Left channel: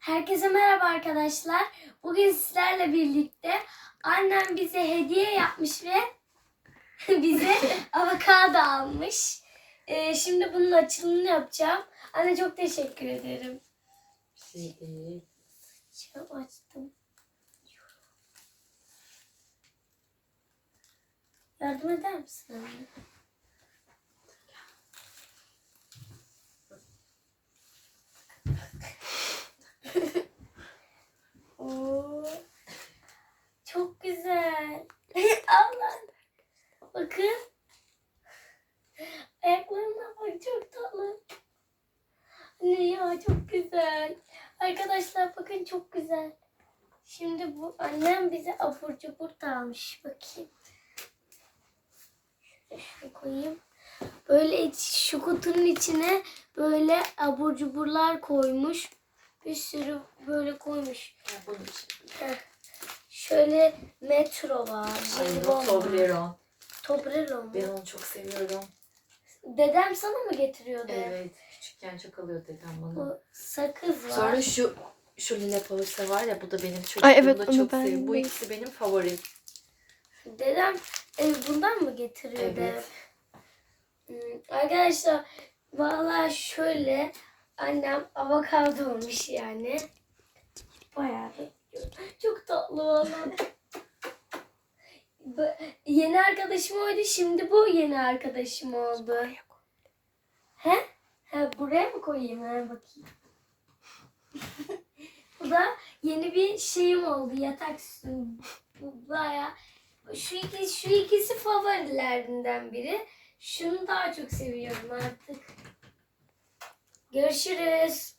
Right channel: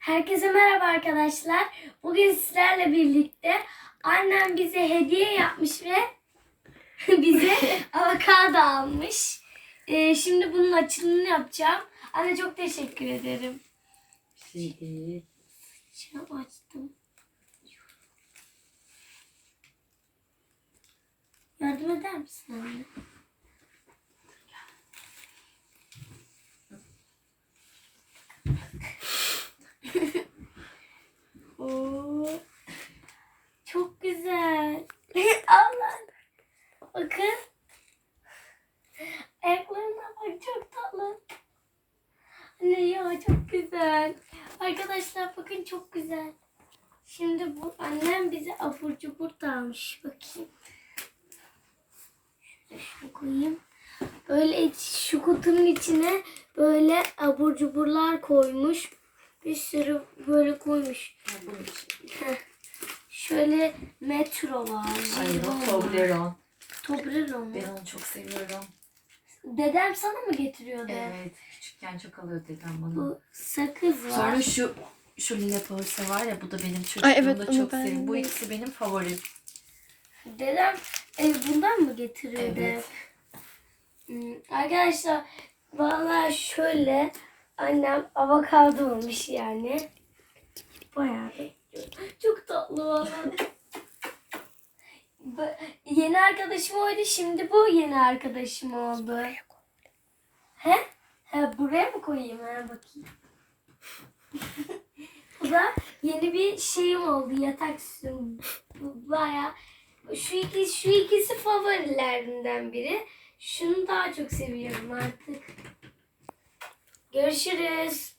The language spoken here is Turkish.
Herkese merhaba arkadaşlar. Bugün sizlerle birlikte annem bize hediye yapmış ve bize avokado almış. Ee, şimdi bunun açılımını yapacağım. Anne çok teşekkür ederim. Şimdi Şey açtım. Yardım eder misin anne? Oo, çok güzel. Allah. Bakın. Ayaklarına bak çok tatlı. Anne ya çok güzel. Arkadaşlar bakın çok güzel. Şimdi bu annem bize abur cubur almış. Bakayım. Şurada şunu koyayım. Böyle şu kutunun içine böyle abur cuburlar koymuş. Bir sürü böyle koymuş. bunun için. Şöyle metro var. Ay. Toblerone. Toblerone mu? Ben onu çok seviyorum. Dedem sana mı getiriyordu? Evet. Küçükken çok alıyor dedem bana. Bu sakız var. Sonra şu şu lila pausa var ya bu da benim Ay, çocukluğumda evet, onu çok ben. Bu de- ikisi benim favorim. Dedem e, bundan mı getiriyordu? Evet. Hmm, Arkadaşlar valla şöyle annem avokado olmuş yani. Bayağı bekliyorum. Çok tatlı valla. Yeni arkadaşım oydu şimdi bu yeni arkadaşım oldu. He? Ha, buraya mı koyayım ha bakayım. bu da yeni bir şeyim oldu yatak süsüm. Bu baya şu ikisi, şu ikisi favorilerimden biri. Şunu daha çok seviyorum artık. Görüşürüz.